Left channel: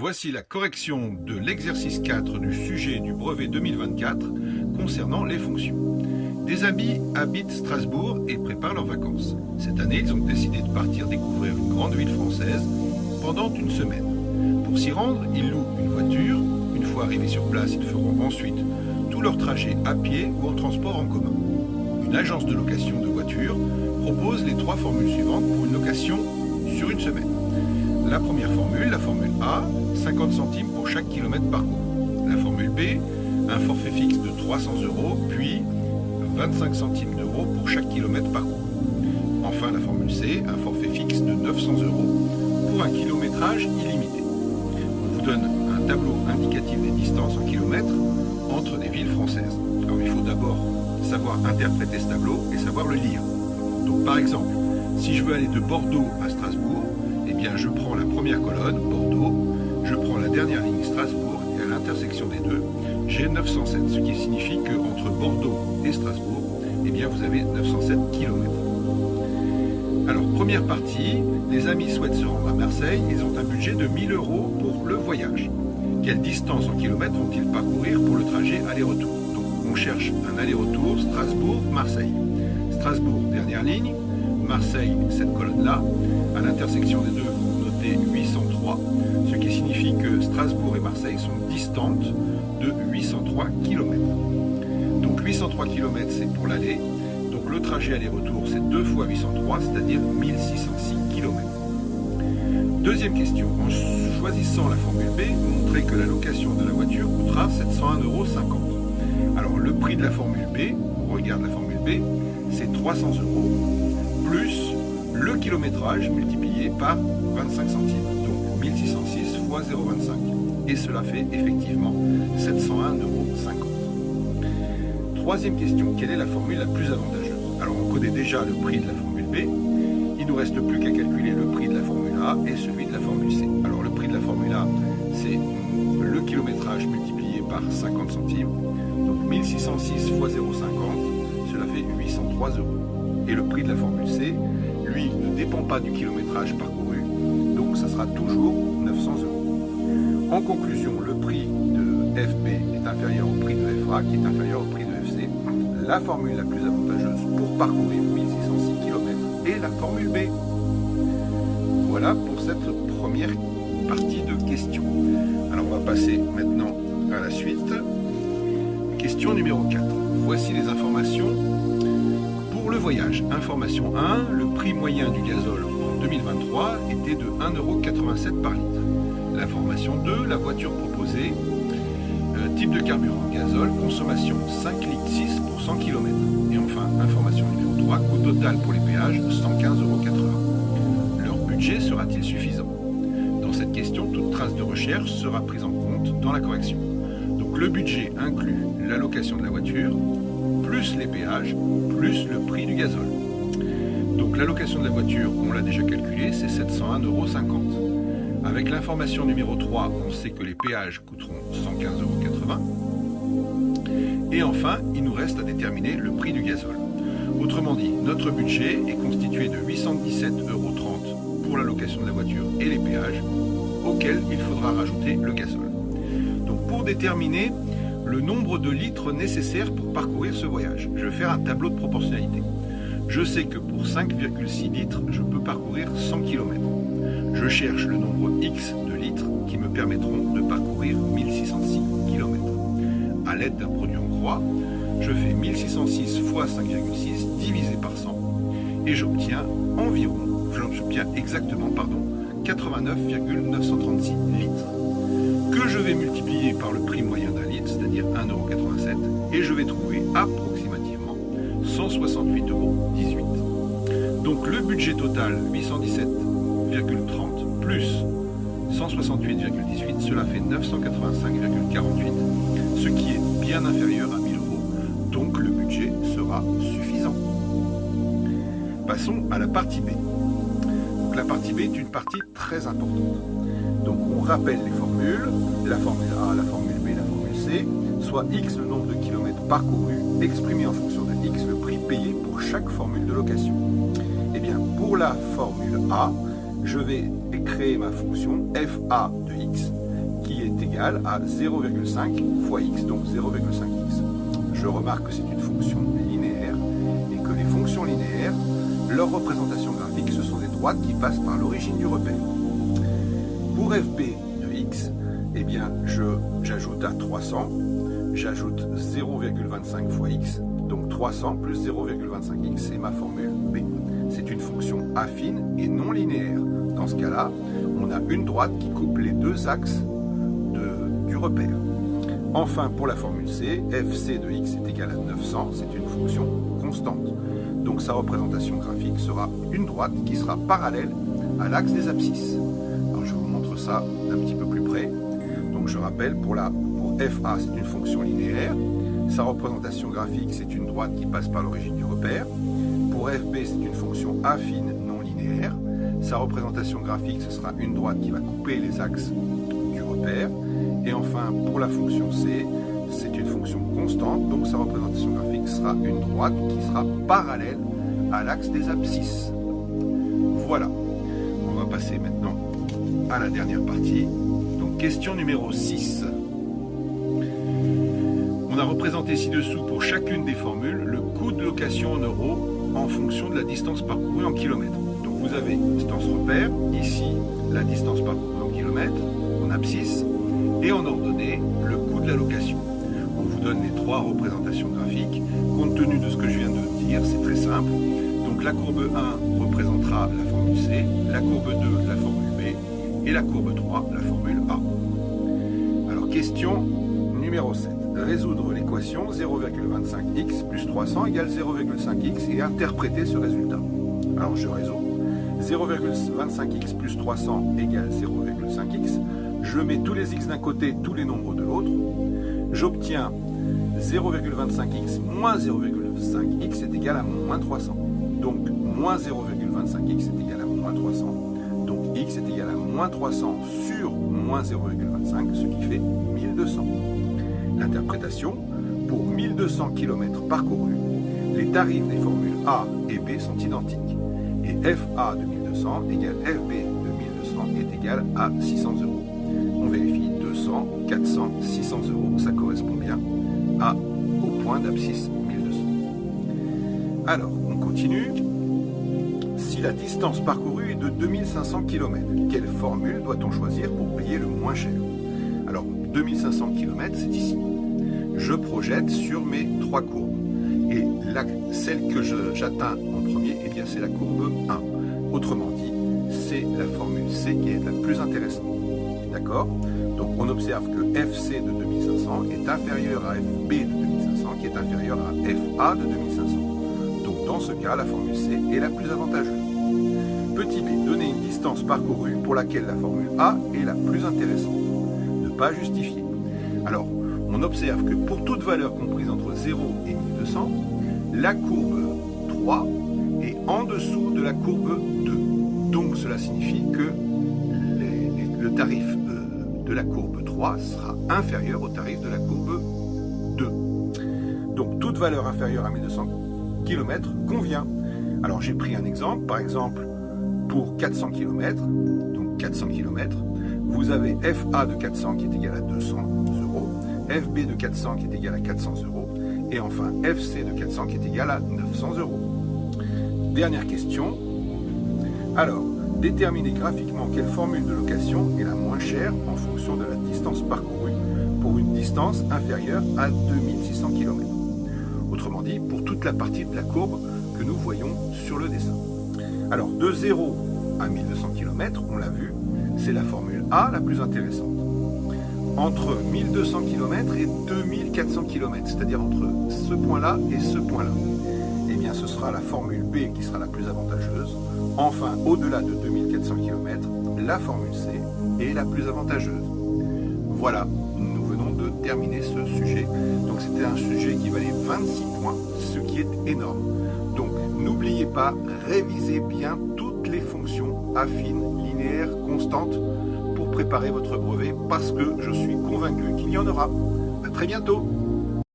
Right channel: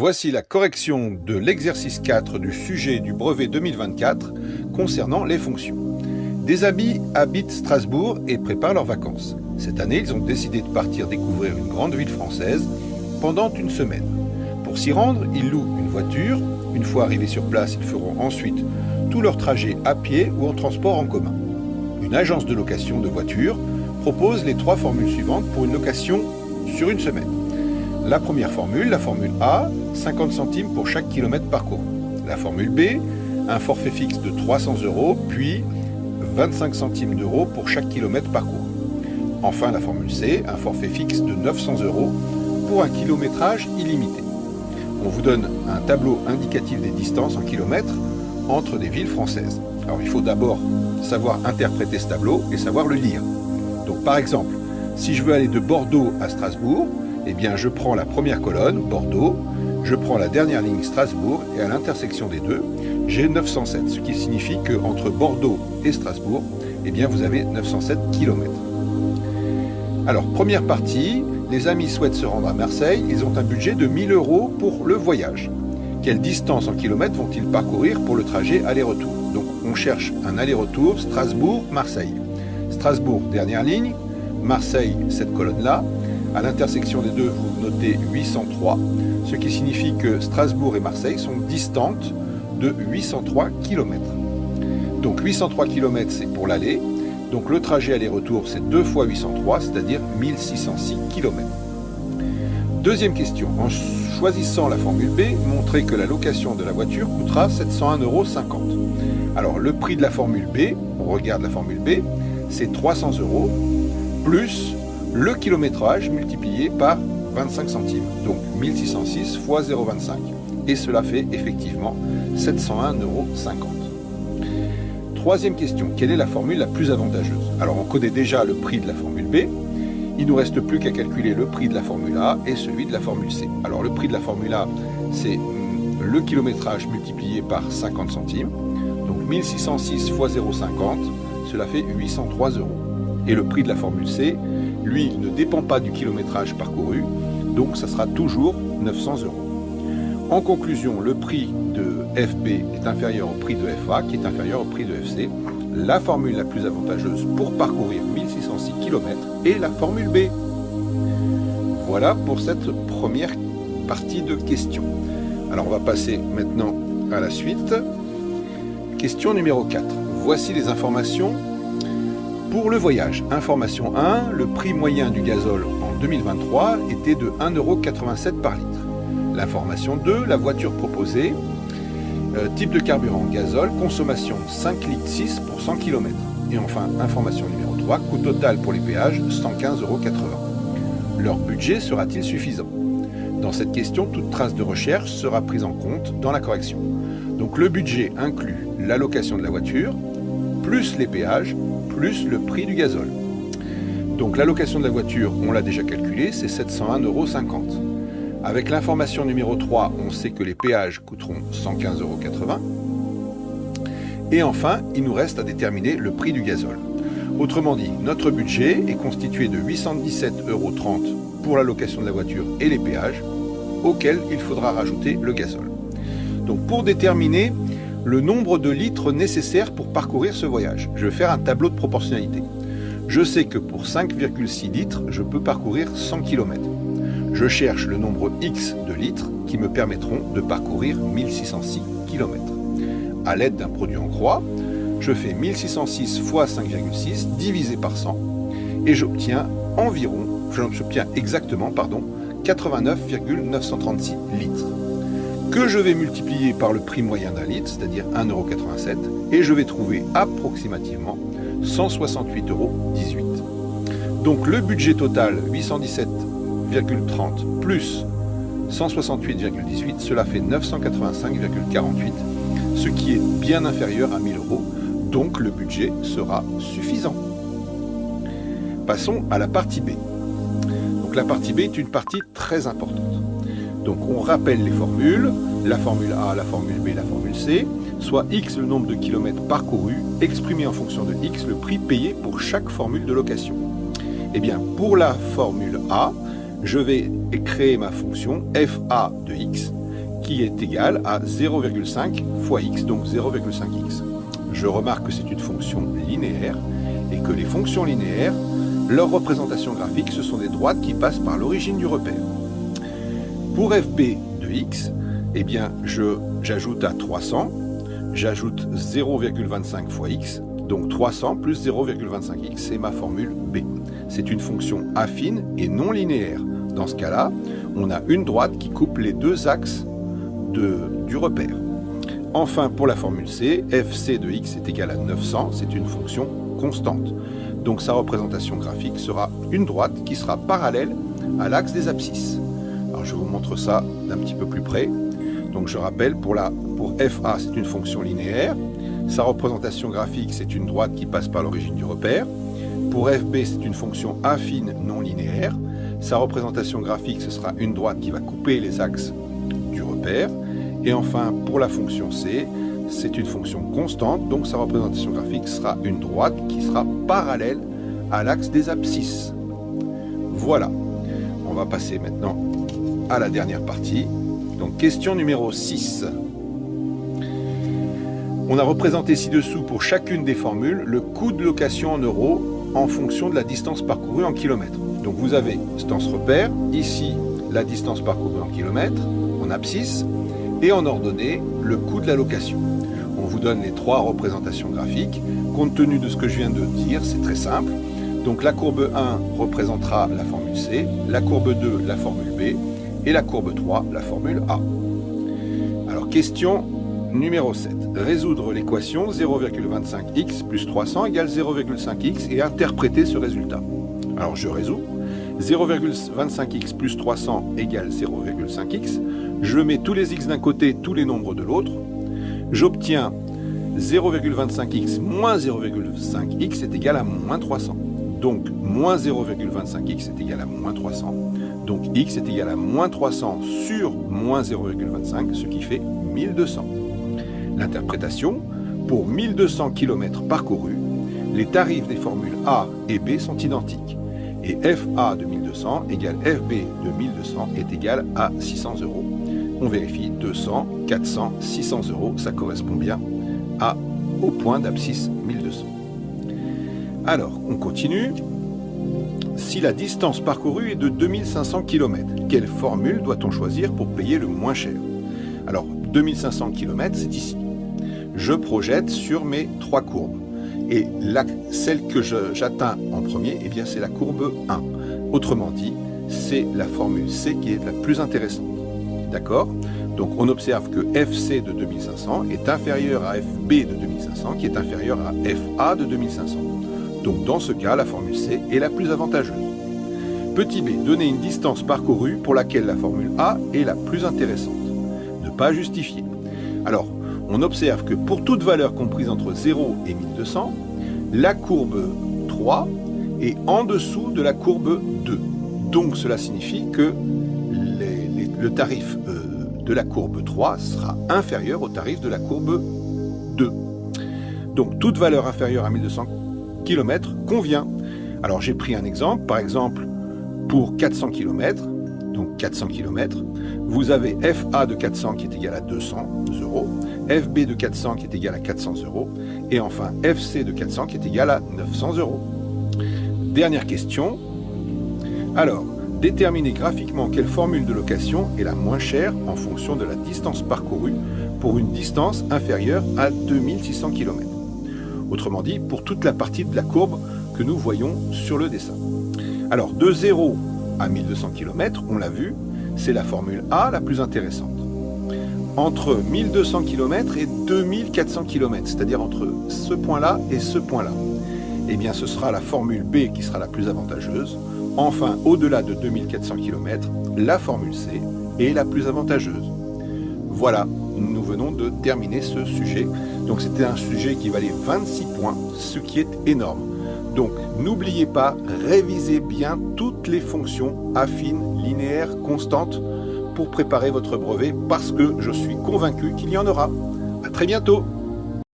Voici la correction de l'exercice 4 du sujet du brevet 2024 concernant les fonctions. Des amis habitent Strasbourg et préparent leurs vacances. Cette année, ils ont décidé de partir découvrir une grande ville française pendant une semaine. Pour s'y rendre, ils louent une voiture. Une fois arrivés sur place, ils feront ensuite tout leur trajet à pied ou en transport en commun. Une agence de location de voitures propose les 3 formules suivantes pour une location sur une semaine. La première formule, la formule A, 50 centimes pour chaque kilomètre parcouru. La formule B, un forfait fixe de 300 €, puis 25 centimes d'euros pour chaque kilomètre parcouru. Enfin, la formule C, un forfait fixe de 900 € pour un kilométrage illimité. On vous donne un tableau indicatif des distances en kilomètres entre des villes françaises. Alors, il faut d'abord savoir interpréter ce tableau et savoir le lire. Donc, par exemple, si je veux aller de Bordeaux à Strasbourg, eh bien, je prends la première colonne, Bordeaux, je prends la dernière ligne Strasbourg, et à l'intersection des deux, j'ai 907, ce qui signifie qu'entre Bordeaux et Strasbourg, eh bien, vous avez 907 km. Alors, première partie, les amis souhaitent se rendre à Marseille, ils ont un budget de 1 000 € pour le voyage. Quelle distance en kilomètres vont-ils parcourir pour le trajet aller-retour? Donc, on cherche un aller-retour Strasbourg-Marseille. Strasbourg, dernière ligne, Marseille, cette colonne-là. À l'intersection des deux, vous notez 803, ce qui signifie que Strasbourg et Marseille sont distantes de 803 km. Donc 803 km, c'est pour l'aller. Donc le trajet aller-retour, c'est 2 fois 803, c'est-à-dire 1606 km. Deuxième question. En choisissant la formule B, montrez que la location de la voiture coûtera 701,50 €. Alors le prix de la formule B, on regarde la formule B, c'est 300 € plus le kilométrage multiplié par 25 centimes, donc 1606 fois 0,25. Et cela fait effectivement 701,50 €. Troisième question, quelle est la formule la plus avantageuse? Alors on connaît déjà le prix de la formule B, il ne nous reste plus qu'à calculer le prix de la formule A et celui de la formule C. Alors le prix de la formule A, c'est le kilométrage multiplié par 50 centimes, donc 1606 fois 0,50, cela fait 803 €. Et le prix de la formule C, lui, ne dépend pas du kilométrage parcouru, donc ça sera toujours 900 €. En conclusion, le prix de FB est inférieur au prix de FA, qui est inférieur au prix de FC. La formule la plus avantageuse pour parcourir 1606 km est la formule B. Voilà pour cette première partie de questions. Alors on va passer maintenant à la suite. Question numéro 4. Voici les informations pour le voyage. Information 1, le prix moyen du gazole en 2023 était de 1,87 € par litre. L'information 2, la voiture proposée, type de carburant gazole, consommation 5,6 litres pour 100 km. Et enfin, information numéro 3, coût total pour les péages 115,80 €. Leur budget sera-t-il suffisant? Dans cette question, toute trace de recherche sera prise en compte dans la correction. Donc le budget inclut l'allocation de la voiture, plus les péages, plus le prix du gazole. Donc l'allocation de la voiture, on l'a déjà calculé, c'est 701,50 €. Avec l'information numéro 3, on sait que les péages coûteront 115,80 €. Et enfin, il nous reste à déterminer le prix du gazole. Autrement dit, notre budget est constitué de 817,30 € pour l'allocation de la voiture et les péages, auxquels il faudra rajouter le gazole. Donc pour déterminer le nombre de litres nécessaires pour parcourir ce voyage, je vais faire un tableau de proportionnalité. Je sais que pour 5,6 litres, je peux parcourir 100 km. Je cherche le nombre X de litres qui me permettront de parcourir 1606 km. À l'aide d'un produit en croix, je fais 1606 fois 5,6 divisé par 100 et j'obtiens exactement 89,936 litres que je vais multiplier par le prix moyen d'un litre, c'est-à-dire 1,87 € et je vais trouver approximativement 168,18 €. Donc le budget total 817,30 plus 168,18, cela fait 985,48, ce qui est bien inférieur à 1 000 €, donc le budget sera suffisant. Passons à la partie B. Donc la partie B est une partie très importante. Donc on rappelle les formules, la formule A, la formule B, la formule C, soit X le nombre de kilomètres parcourus, exprimé en fonction de X le prix payé pour chaque formule de location. Eh bien, pour la formule A, je vais créer ma fonction FA de X qui est égal à 0,5 fois x, donc 0,5x. Je remarque que c'est une fonction linéaire et que les fonctions linéaires, leur représentation graphique, ce sont des droites qui passent par l'origine du repère. Pour fb de x, eh bien, j'ajoute à 300, j'ajoute 0,25 fois x, donc 300 plus 0,25x, c'est ma formule b. C'est une fonction affine et non linéaire. Dans ce cas-là, on a une droite qui coupe les deux axes du repère. Enfin, pour la formule c, fc de x est égal à 900, c'est une fonction constante. Donc sa représentation graphique sera une droite qui sera parallèle à l'axe des abscisses. Alors je vous montre ça d'un petit peu plus près. Donc je rappelle, pour fa, c'est une fonction linéaire. Sa représentation graphique, c'est une droite qui passe par l'origine du repère. Pour fb, c'est une fonction affine non linéaire. Sa représentation graphique, ce sera une droite qui va couper les axes du repère. Et enfin, pour la fonction c, c'est une fonction constante, donc sa représentation graphique sera une droite qui sera parallèle à l'axe des abscisses. Voilà. On va passer maintenant à la dernière partie. Donc, question numéro 6. On a représenté ci-dessous pour chacune des formules le coût de location en euros en fonction de la distance parcourue en kilomètres. Donc vous avez distance repère, ici la distance parcourue en kilomètres, en abscisse, et en ordonnée le coût de la location. On vous donne les trois représentations graphiques. Compte tenu de ce que je viens de dire, c'est très simple. Donc la courbe 1 représentera la formule C, la courbe 2 la formule B, et la courbe 3 la formule A. Alors question numéro 7. Résoudre l'équation 0,25x plus 300 égale 0,5x et interpréter ce résultat. Alors je résous. 0,25x plus 300 égale 0,5x. Je mets tous les x d'un côté, tous les nombres de l'autre. J'obtiens 0,25x moins 0,5x est égal à moins 300. Donc moins 0,25x est égal à moins 300. Donc x est égal à moins 300 sur moins 0,25, ce qui fait 1200. L'interprétation, pour 1200 km parcourus, les tarifs des formules A et B sont identiques. Et FA de 1200 égale FB de 1200 est égal à 600 euros. On vérifie 200, 400, 600 euros, ça correspond bien au point d'abscisse 1200. Alors, on continue. Si la distance parcourue est de 2500 km, quelle formule doit-on choisir pour payer le moins cher? Alors, 2500 km, c'est ici. Je projette sur mes trois courbes. Et celle que j'atteins en premier, eh bien, c'est la courbe 1. Autrement dit, c'est la formule C qui est la plus intéressante. D'accord? Donc on observe que FC de 2500 est inférieur à FB de 2500 qui est inférieur à FA de 2500. Donc dans ce cas, la formule C est la plus avantageuse. Petit b, donner une distance parcourue pour laquelle la formule A est la plus intéressante. Ne pas justifier. Alors, on observe que pour toute valeur comprise entre 0 et 1200, la courbe 3 est en dessous de la courbe 2. Donc cela signifie que le tarif de la courbe 3 sera inférieur au tarif de la courbe 2. Donc toute valeur inférieure à 1200 km convient. Alors j'ai pris un exemple, par exemple pour 400 km, donc 400 km, vous avez FA de 400 qui est égal à 200 euros, FB de 400 qui est égal à 400 euros, et enfin FC de 400 qui est égal à 900 euros. Dernière question. Alors, déterminer graphiquement quelle formule de location est la moins chère en fonction de la distance parcourue pour une distance inférieure à 2600 km. Autrement dit, pour toute la partie de la courbe que nous voyons sur le dessin. Alors, de 0 à 1200 km, on l'a vu, c'est la formule A la plus intéressante. Entre 1200 km et 2400 km, c'est-à-dire entre ce point-là et ce point-là, eh bien ce sera la formule B qui sera la plus avantageuse. Enfin, au-delà de 2400 km, la formule C est la plus avantageuse. Voilà, nous venons de terminer ce sujet. Donc c'était un sujet qui valait 26 points, ce qui est énorme. Donc n'oubliez pas, révisez bien toutes les fonctions affines, linéaires, constantes pour préparer votre brevet parce que je suis convaincu qu'il y en aura. À très bientôt.